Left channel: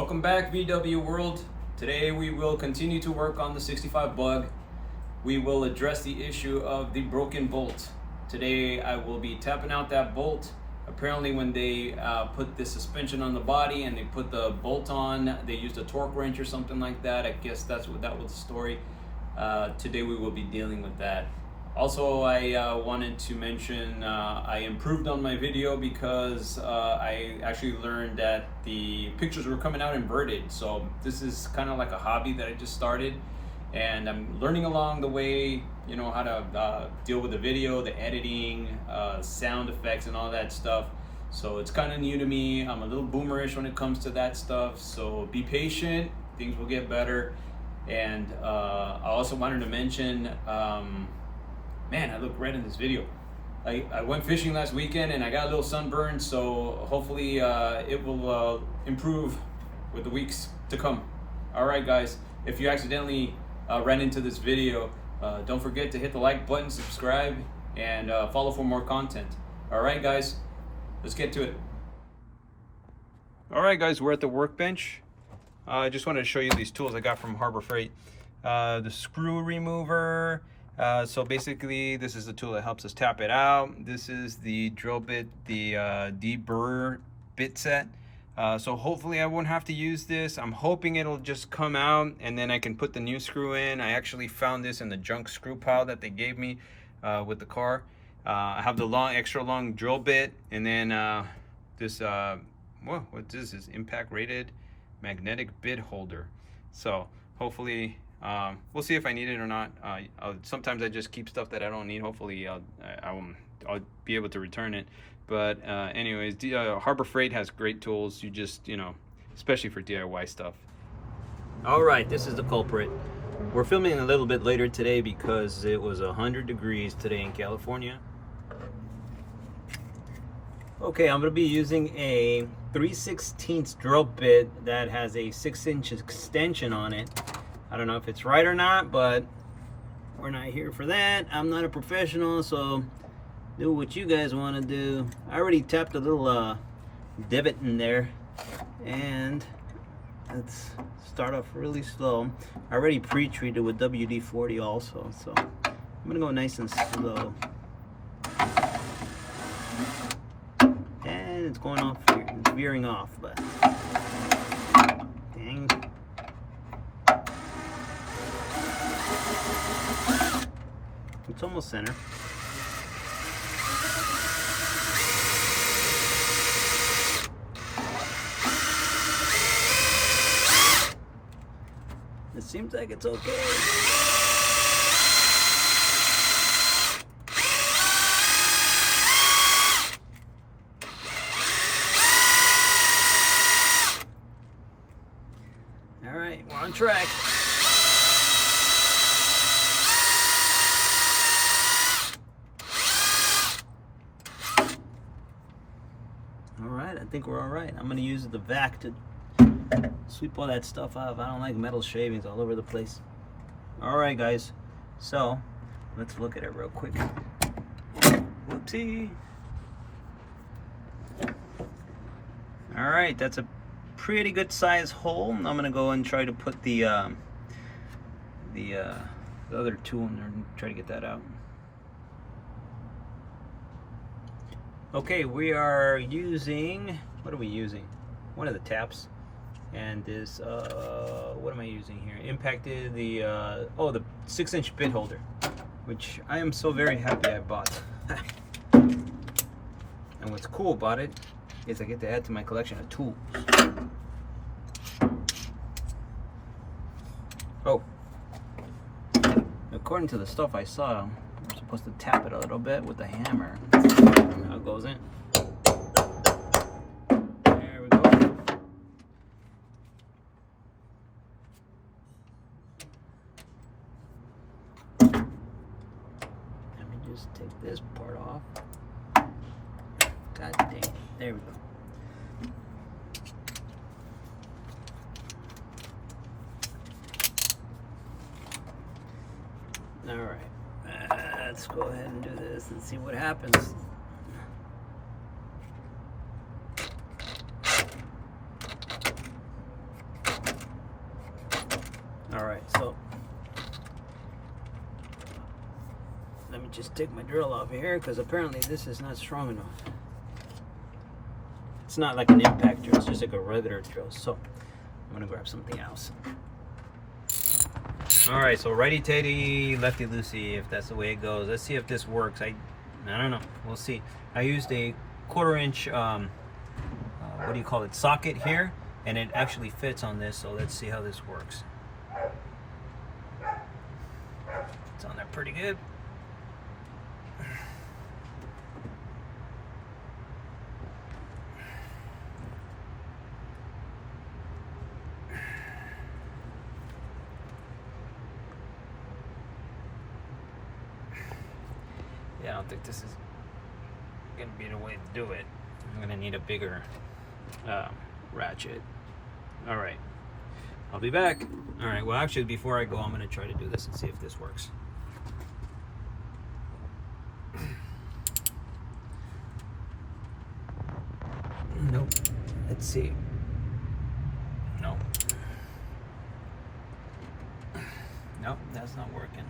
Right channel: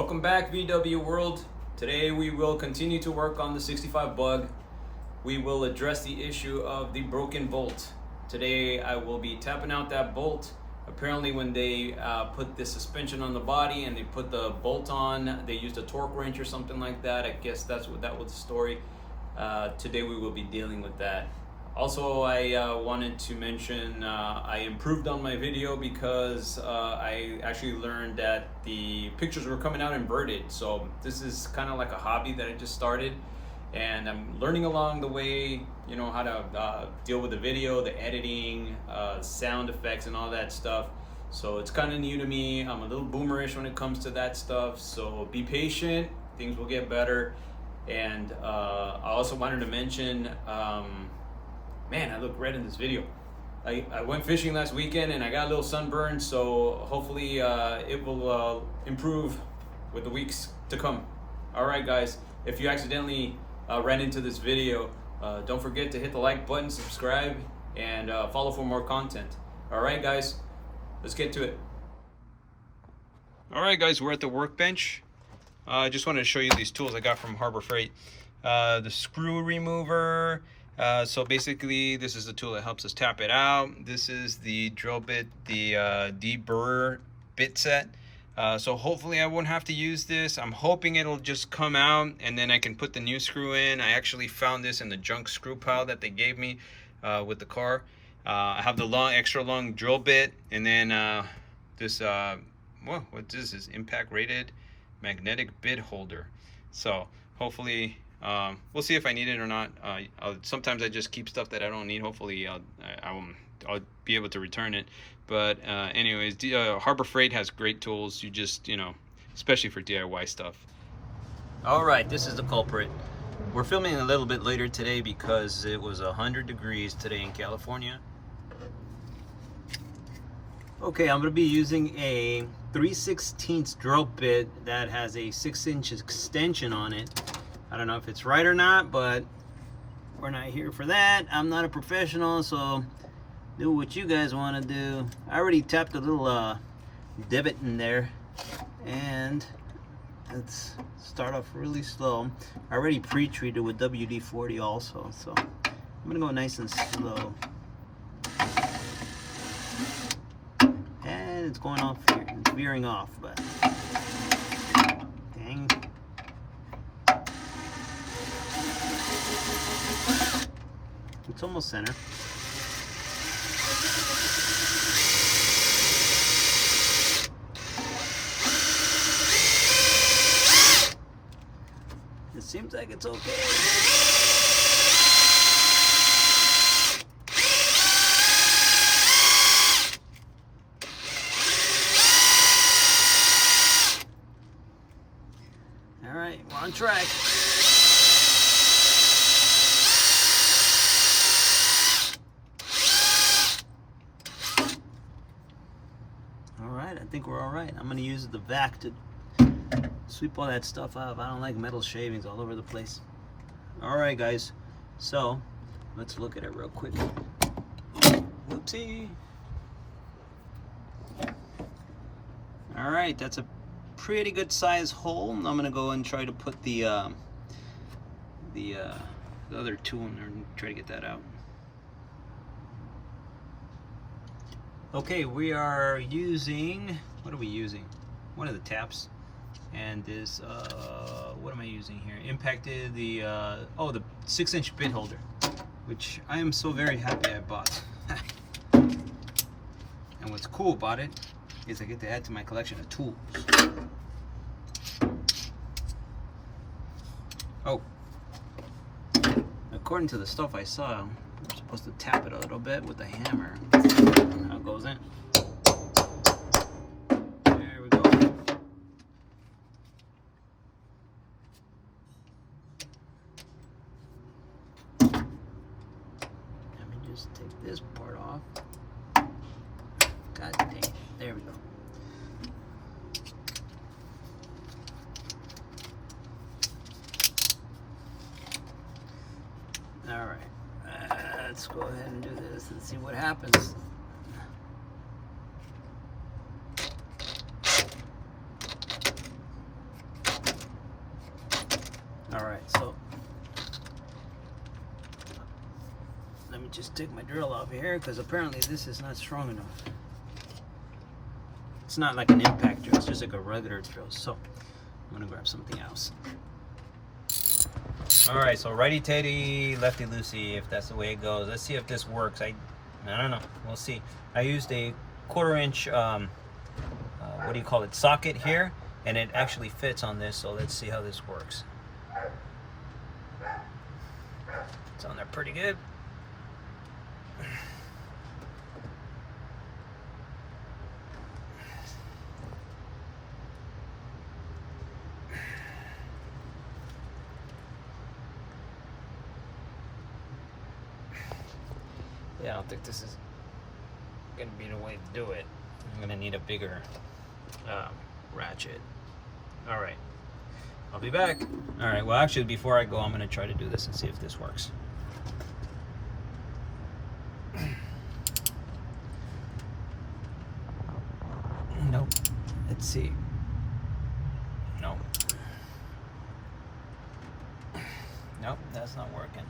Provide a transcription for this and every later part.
Welcome back, VW World. Today we will continue to work on the 65 bug. We will address the issue of the broken bolt. Today I will be tapping out that bolt. Apparently when they put the suspension on the body and they put the bolt on, they used a torque wrench or something like that. I guess that was the story. Today we will be dealing with that. Also, I wanted to mention I improved on my video because I actually learned that the pictures were coming out inverted. So this is kind of like a hobby that I just started, and I'm learning along the way, you know, how to deal with the video, the editing, sound effects and all that stuff. So it's kind of new to me. I'm a little boomerish when it comes to that stuff, so be patient, things will get better. And I also wanted to mention, man, I look red in this video. I went fishing last weekend and I got a little sunburn, so hopefully it will improve with the weeks to come. All right, guys, if you accidentally ran into this video, don't forget to hit the like button, subscribe, and follow for more content. All right, guys, let's get to it. All right, guys, we're at the workbench. I just wanted to show you these tools I got from Harbor Freight. The screw remover. So basically this is the tool that helps us tap it out. This is the drill bit, the deburr bit set. So hopefully I won't have to use this. I'm hoping it'll just come out and then I can put the new screw in. I actually found this in the junk screw pile that they gave me with the car. I have the extra long drill bit, and then this whoa, what is this? Impact rated magnetic bit holder. So hopefully we'll see if I need it or not. Sometimes I just keep stuff that I don't need. Hopefully I'll be able to return it. But anyways, Harbor Freight has great tools. You just, you know, especially for DIY stuff. All right, this is the culprit. We're filming a little bit later today because it was 100 degrees today in California. Okay, I'm gonna be using a 3/16 drill bit that has a 6-inch extension on it. I don't know if it's right or not, but we're not here for that. I'm not a professional, so do what you guys want to do. I already tapped a little divot in there, and let's start off really slow. I already pre-treated with WD-40 also, so I'm gonna go nice and slow. And it's going off here, it's veering off, but dang. It's almost center. It seems like it's okay. All right, we're on track. I think we're all right. I'm gonna use the vac to sweep all that stuff off. I don't like metal shavings all over the place. All right, guys, so let's look at it real quick. Whoopsie. All right, that's a pretty good size hole. I'm gonna go and try to put the other tool in there and try to get that out. Okay, we are using, what are we using? One of the taps, and this, what am I using here? Impacted the, oh, the 6-inch bit holder, which I am so very happy I bought. And what's cool about it is I get to add to my collection of tools. Oh, according to the stuff I saw, we're supposed to tap it a little bit with the hammer. How it goes in. There we go. Let me just take this part off. God dang it. There we go. All right. Let's go ahead and do this and see what happens. just take my drill off here because apparently this is not strong enough. It's not like an impact drill, it's just like a regular drill. So I'm gonna grab something else. All right, so righty tighty, lefty loosey, if that's the way it goes. Let's see if this works. I don't know, we'll see. I used a 1/4 inch, what do you call it, socket here, and it actually fits on this, so let's see how this works. It's on there pretty good. Yeah, I don't think this is gonna be the way to do it. I'm gonna need a bigger ratchet. All right, I'll be back. All right, well actually before I go, I'm gonna try to do this and see if this works. Nope, let's see. Nope. Nope, that's not working.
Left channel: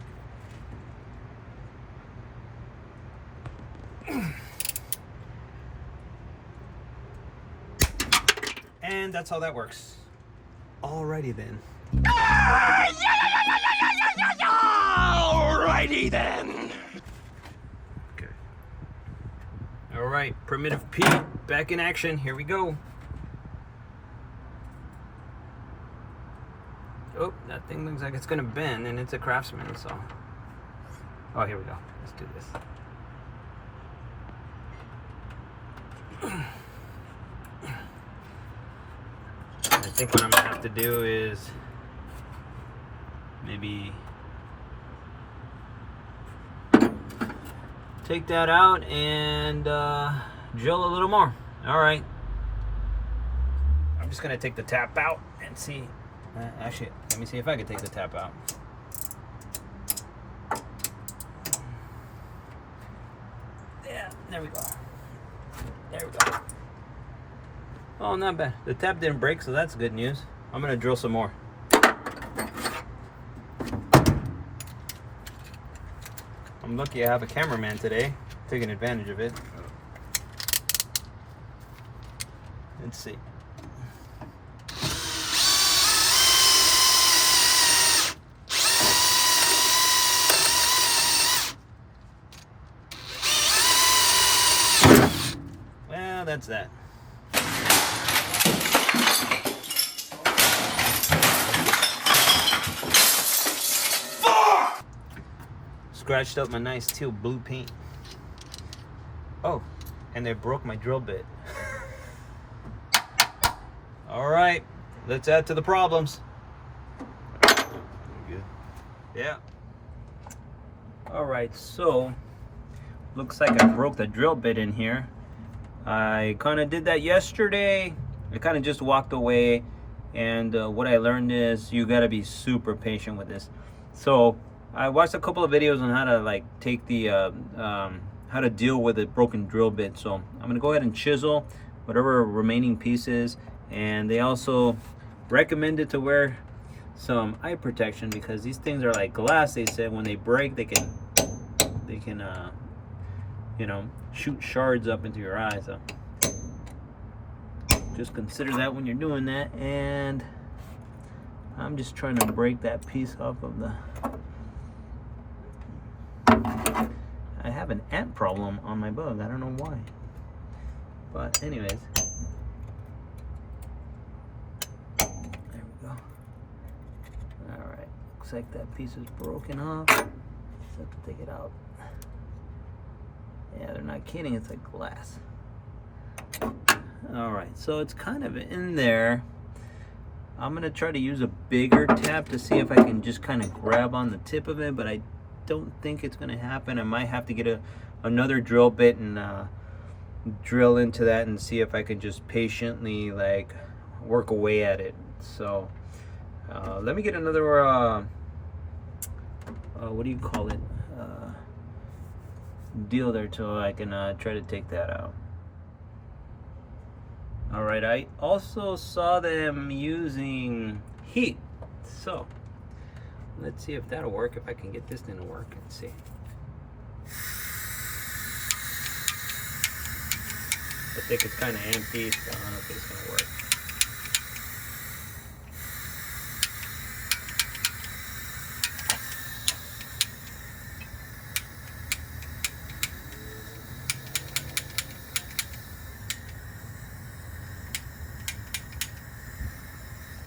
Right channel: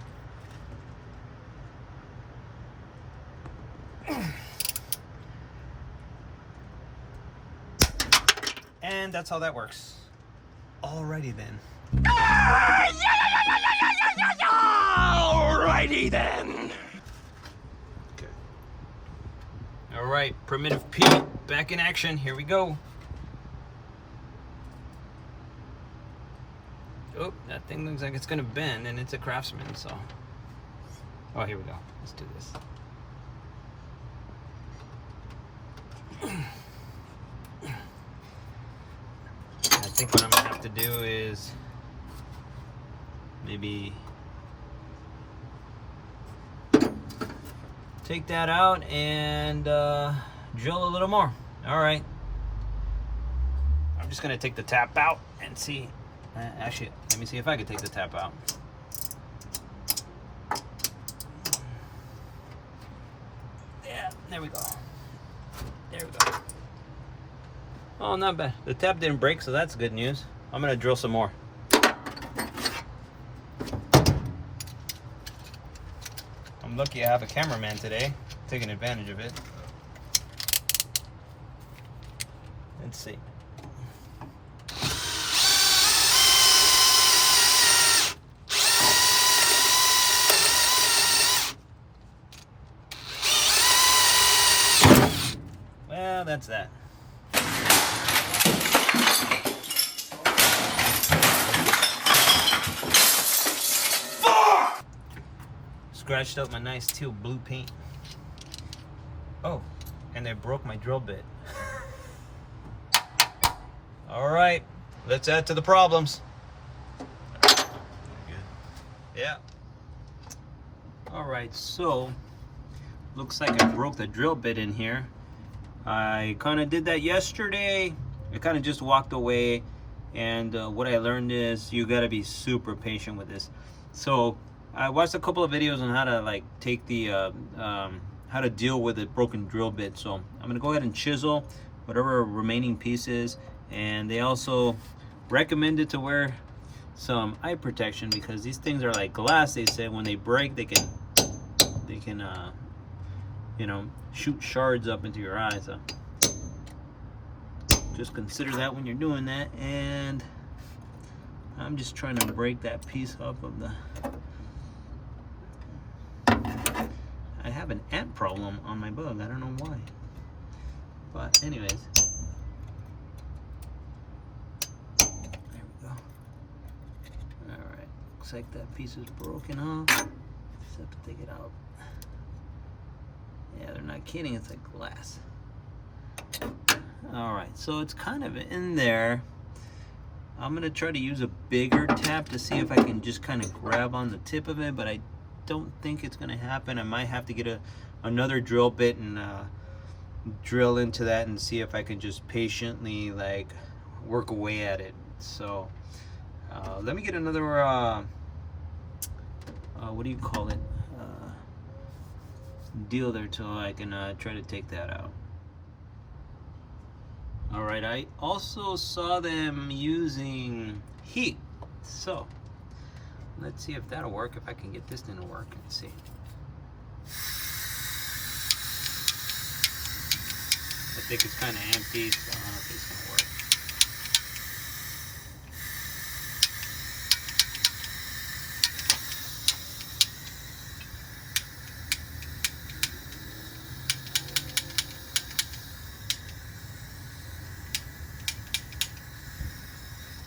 And that's how that works. Alrighty then. Alrighty then. Okay. Alright, Primitive Pete back in action. Here we go. Oh, that thing looks like it's gonna bend, and it's a Craftsman, so. Oh, here we go. Let's do this. I think what I'm gonna have to do is maybe take that out and drill a little more. All right. I'm just gonna take the tap out and see. Actually, let me see if I can take the tap out. Yeah, there we go. There we go. Oh, not bad. The tap didn't break, so that's good news. I'm gonna drill some more. I'm lucky I have a cameraman today, taking advantage of it. Let's see. Well, that's that. Scratched up my nice teal blue paint. Oh, and they broke my drill bit. All right, let's add to the problems. Good. Yeah. All right, so looks like I broke the drill bit in here. I kind of did that yesterday. I kind of just walked away, and what I learned is you got to be super patient with this. So I watched a couple of videos on how to like take the how to deal with a broken drill bit. So I'm gonna go ahead and chisel whatever remaining pieces, and they also recommended to wear some eye protection because these things are like glass. They said when they break, they can you know, shoot shards up into your eyes. So just consider that when you're doing that. And I'm just trying to break that piece off of the. I have an ant problem on my bug. I don't know why. But anyways. There we go. Alright. Looks like that piece is broken off. Just have to take it out. Yeah, they're not kidding. It's like glass. Alright, so it's kind of in there. I'm going to try to use a bigger tap to see if I can just kind of grab on the tip of it, but I don't think it's going to happen. I might have to get another drill bit and drill into that and see if I can just patiently like work away at it. So let me get another what do you call it, deal there till I can try to take that out. All right, I also saw them using heat, so let's see if that'll work, if I can get this thing to work. Let's see. I think it's kind of empty, so I don't think it's gonna work.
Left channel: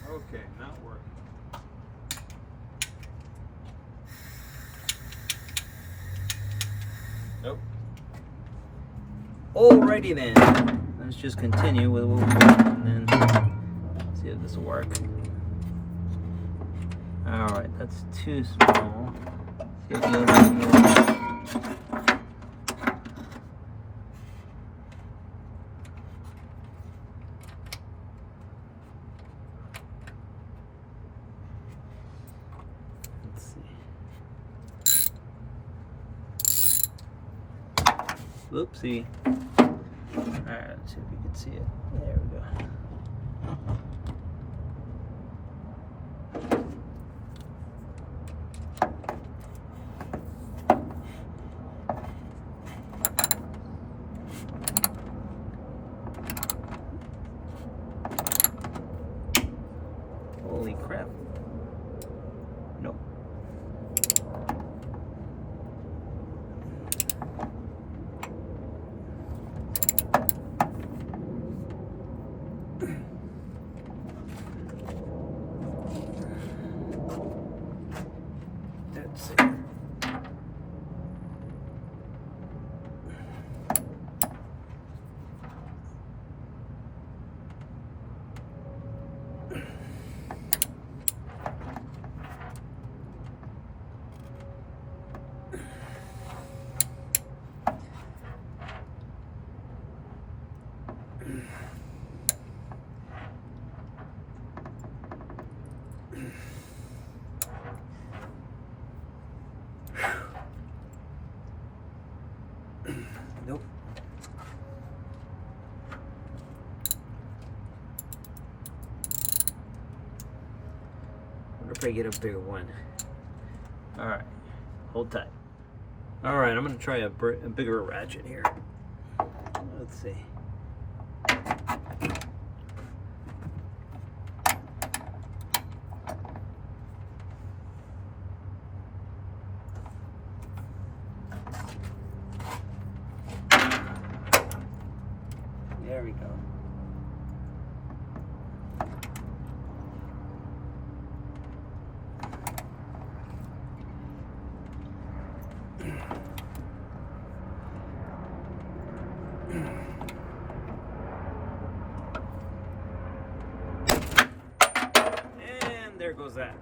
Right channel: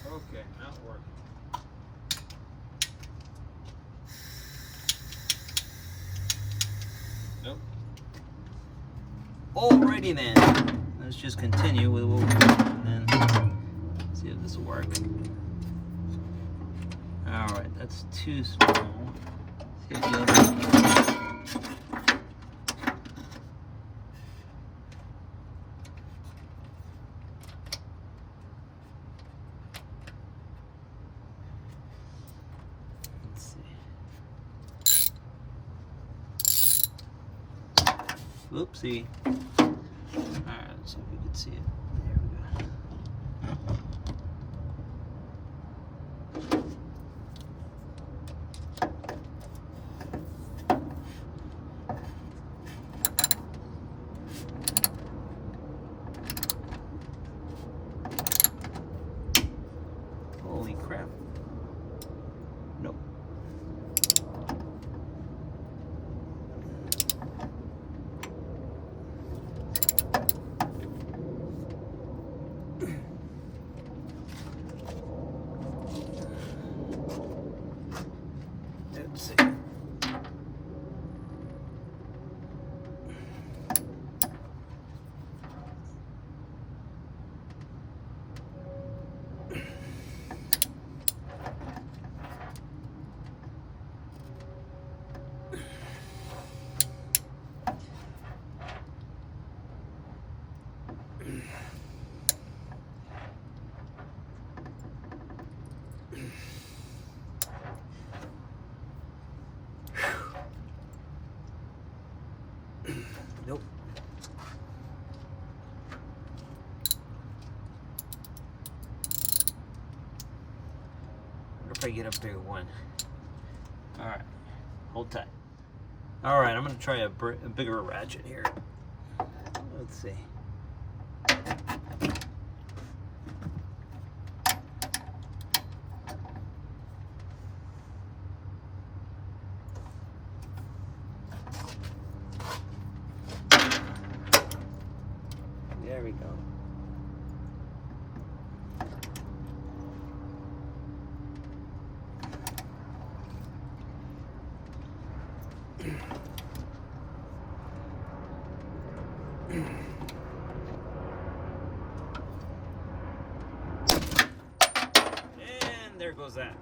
Okay, not working. Nope. Alrighty then. Let's just continue with what we're doing and then see if this will work. Alright, that's too small. See if the other one works. Whoopsie. Alright, let's see if we can see it. There we go. Holy crap. Nope. Let's see. Nope. Wonder if I get a bigger one. Alright, hold tight. Alright, I'm going to try a bigger ratchet here. Let's see. There we go. And there goes that.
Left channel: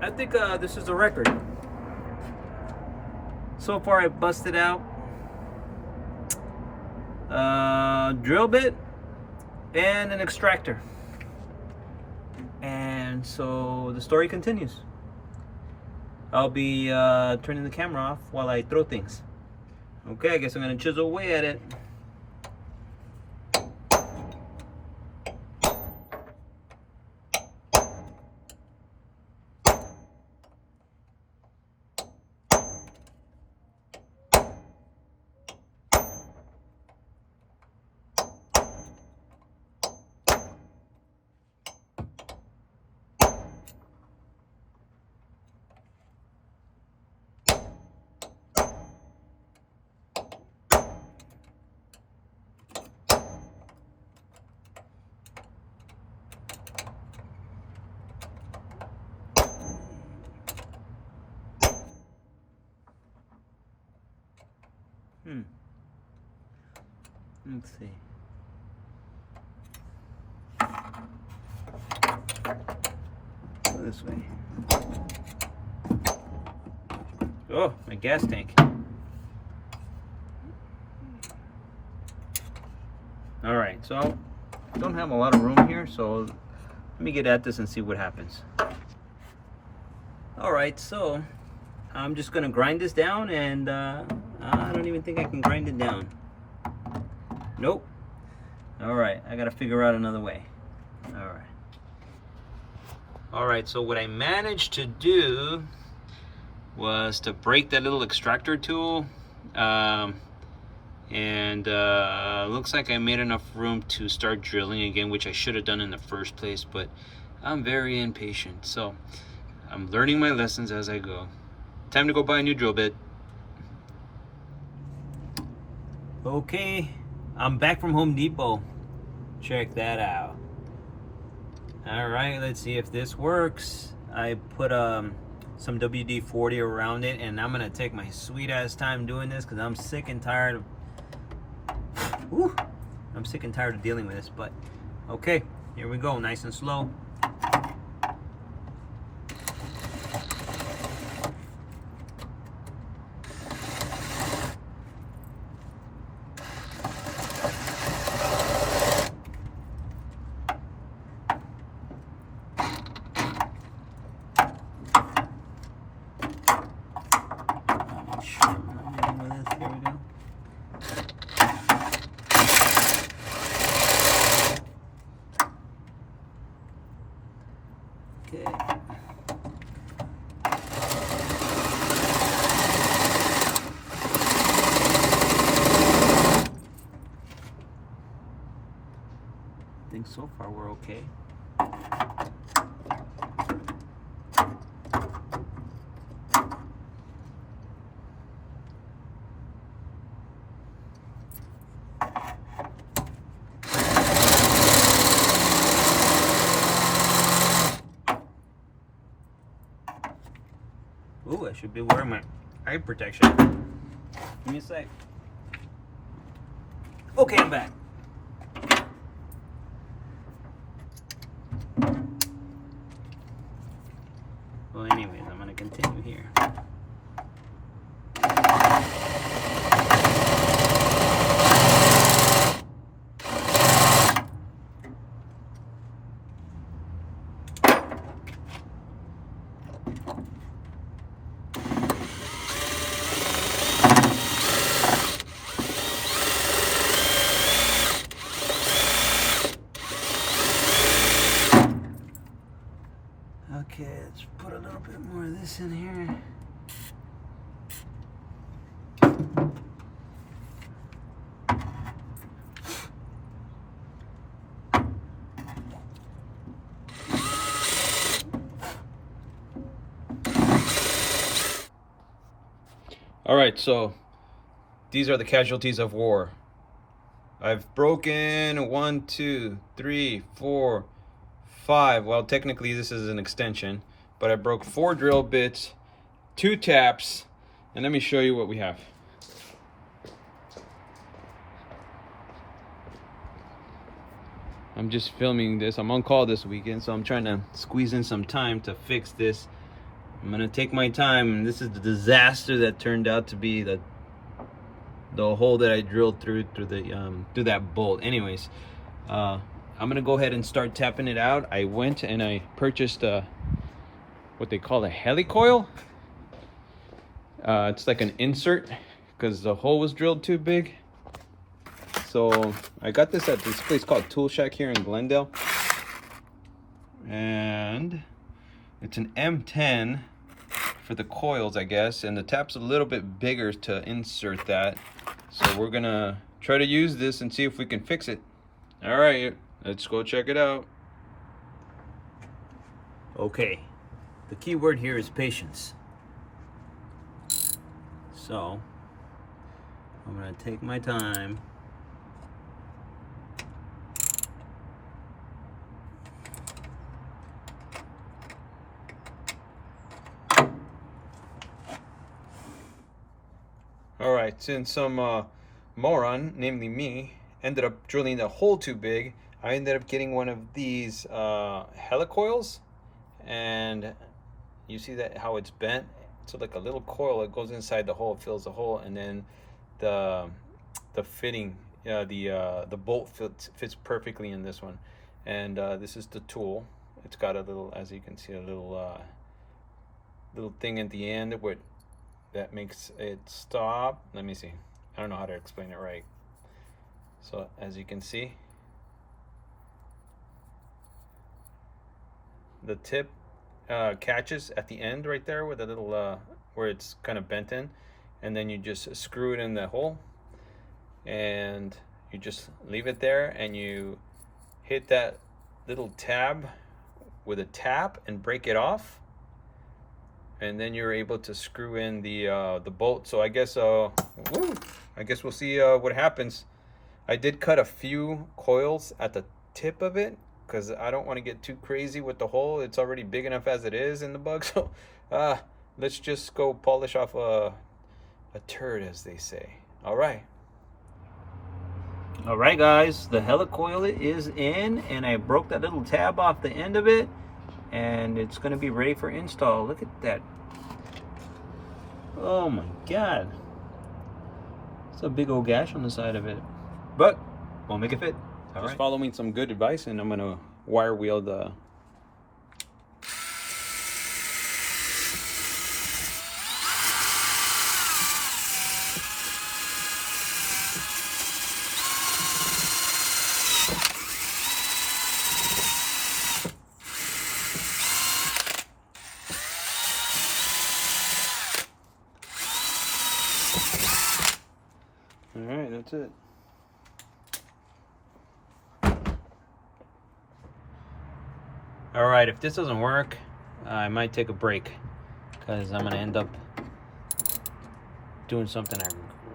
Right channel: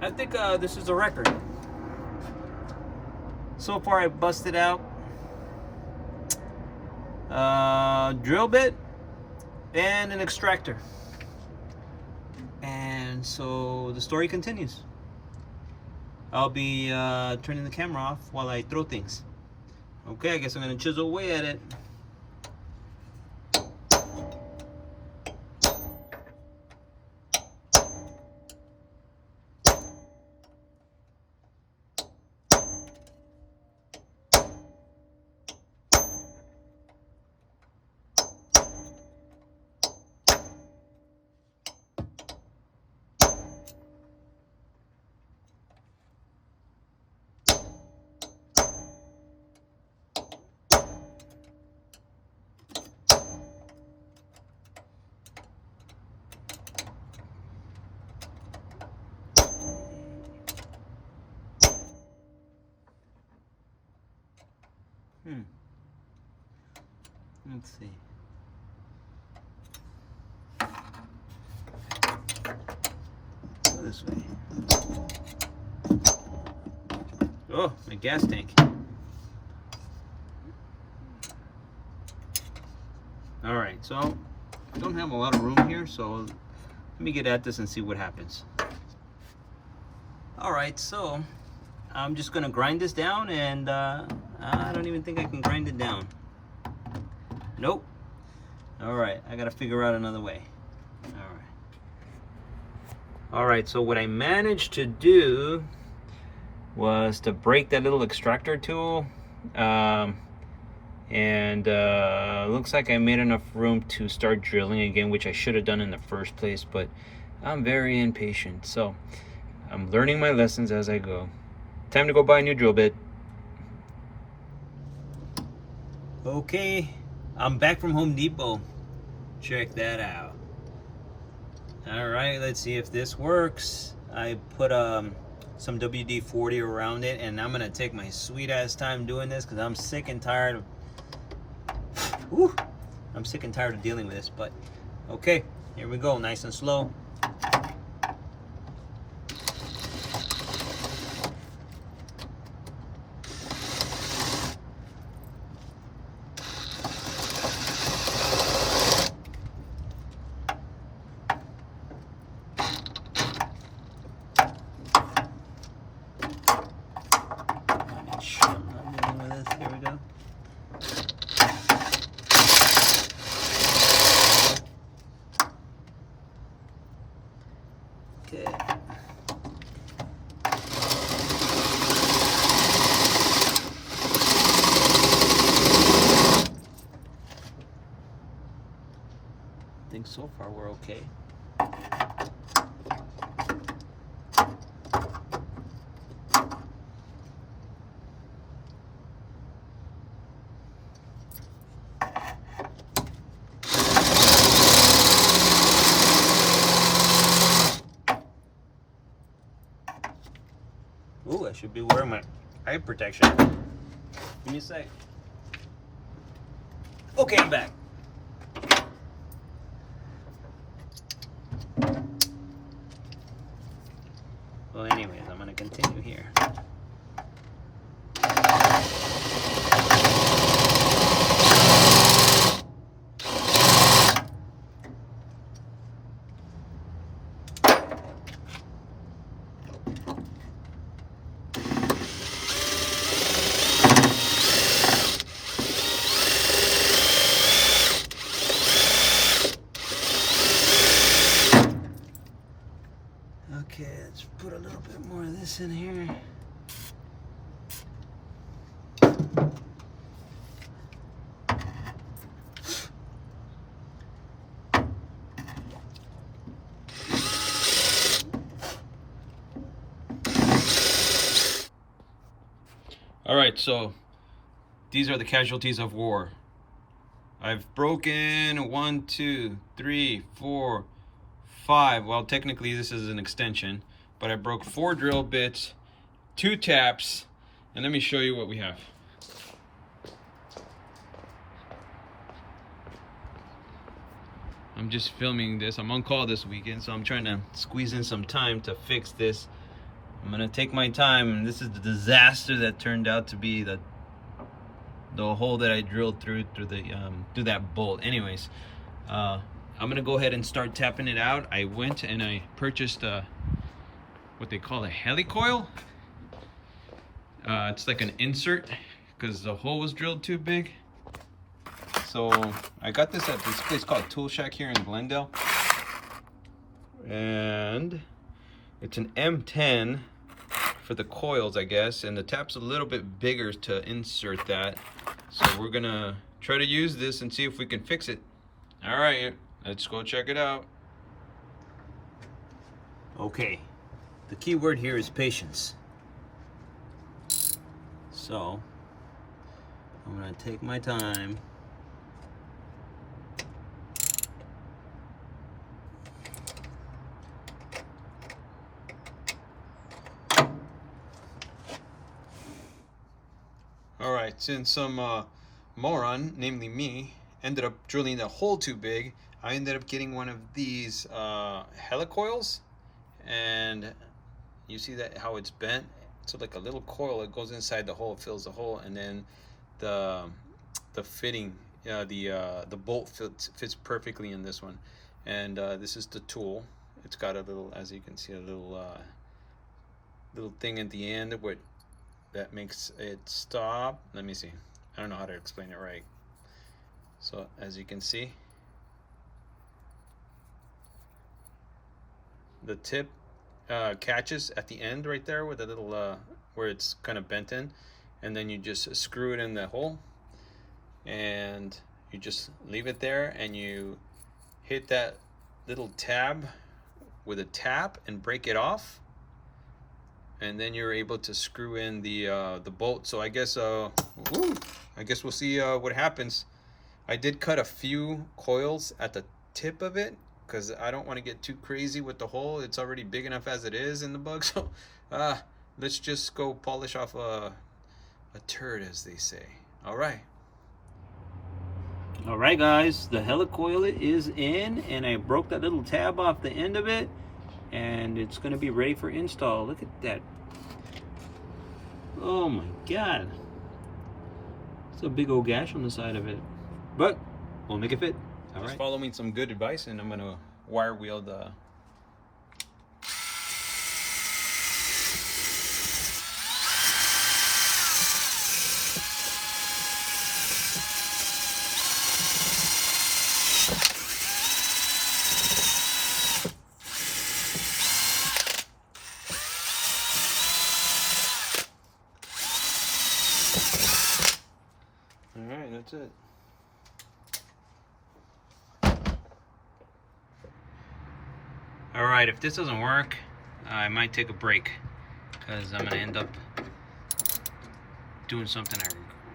I think this is a record. So far I busted out drill bit and an extractor, and so the story continues. I'll be turning the camera off while I throw things. Okay, I guess I'm gonna chisel away at it. Let's see. Go this way. Oh, my gas tank. All right, so I don't have a lot of room here, so let me get at this and see what happens. All right, so I'm just gonna grind this down, and I don't even think I can grind it down. Nope. All right, I gotta figure out another way. All right. All right, so what I managed to do was to break that little extractor tool. Looks like I made enough room to start drilling again, which I should have done in the first place, but I'm very impatient, so I'm learning my lessons as I go. Time to go buy a new drill bit. Okay, I'm back from Home Depot. Check that out. All right, let's see if this works. I put some WD-40 around it, and I'm gonna take my sweet ass time doing this because I'm sick and tired of I'm sick and tired of dealing with this, but okay, here we go, nice and slow. Make sure I'm not dealing with this. Here we go. Okay. I think so far we're okay. Ooh, I should be wearing my eye protection. Give me a sec. Okay, I'm back. Well, anyways, I'm gonna continue here. Okay, let's put a little bit more of this in here. All right, so these are the casualties of war. I've broken 1, 2, 3, 4, 5. Well, technically this is an extension, but I broke 4 drill bits, 2 taps, and let me show you what we have. I'm just filming this. I'm on call this weekend, so I'm trying to squeeze in some time to fix this. I'm gonna take my time, and this is the disaster that turned out to be the hole that I drilled through that bolt. Anyways, I'm gonna go ahead and start tapping it out. I went and I purchased what they call a helicoil. It's like an insert because the hole was drilled too big. So I got this at this place called Tool Shack here in Glendale, and it's an M10 for the coils, I guess, and the tap's a little bit bigger to insert that. So we're gonna try to use this and see if we can fix it. All right, let's go check it out. Okay, the key word here is patience. So I'm gonna take my time. All right, since some moron, namely me, ended up drilling the hole too big, I ended up getting one of these helicoils, and you see that how it's bent? So like a little coil, it goes inside the hole, fills the hole, and then the fitting, the bolt fits perfectly in this one. And this is the tool. It's got a little, as you can see, a little thing at the end where that makes it stop. Let me see. I don't know how to explain it right. So as you can see, the tip catches at the end right there where the little where it's kind of bent in, and then you just screw it in the hole, and you just leave it there, and you hit that little tab with a tap and break it off, and then you're able to screw in the bolt. So I guess I guess we'll see what happens. I did cut a few coils at the tip of it because I don't want to get too crazy with the hole. It's already big enough as it is in the bug. So let's just go polish off a turd, as they say. All right. All right, guys, the helicoil is in, and I broke that little tab off the end of it, and it's going to be ready for install. Look at that. Oh my God. It's a big old gash on the side of it, but we'll make it fit. All right. Just follow me some good advice, and I'm going to wire wheel the All right, that's it. All right, if this doesn't work, I might take a break because I'm gonna end up doing something I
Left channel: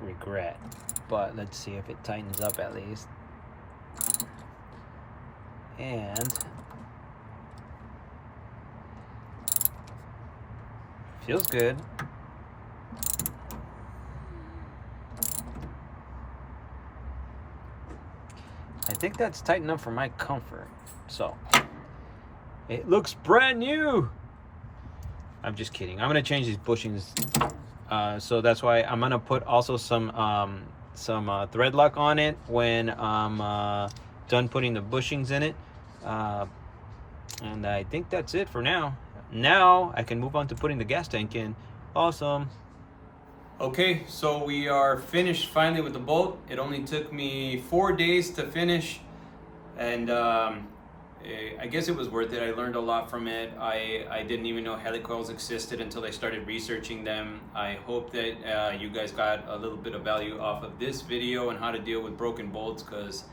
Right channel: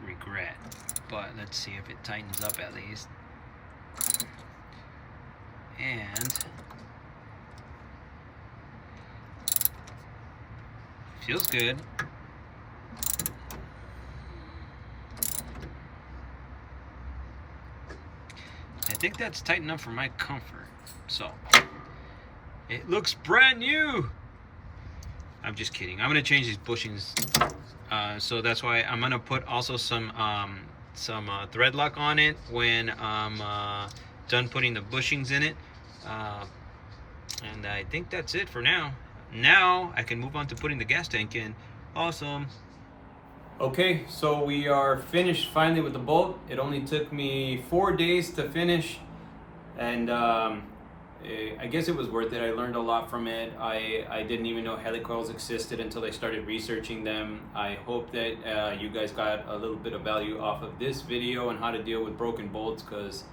regret. But let's see if it tightens up at least. And feels good. I think that's tight enough for my comfort. So it looks brand new. I'm just kidding. I'm gonna change these bushings. So that's why I'm gonna put also some thread lock on it when I'm done putting the bushings in it. And I think that's it for now. Now I can move on to putting the gas tank in. Awesome. Okay, so we are finished finally with the bolt. It only took me 4 days to finish, and I guess it was worth it. I learned a lot from it. I didn't even know helicoils existed until I started researching them. I hope that you guys got a little bit of value off of this video on how to deal with broken bolts, because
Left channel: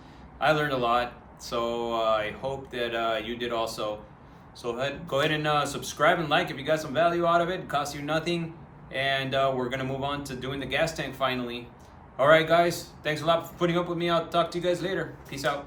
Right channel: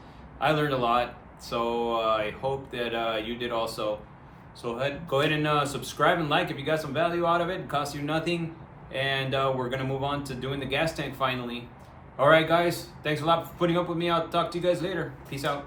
I learned a lot. So I hope that you did also. So go ahead and subscribe and like if you got some value out of it. It costs you nothing. And we're gonna move on to doing the gas tank finally. All right, guys, thanks a lot for putting up with me. I'll talk to you guys later. Peace out.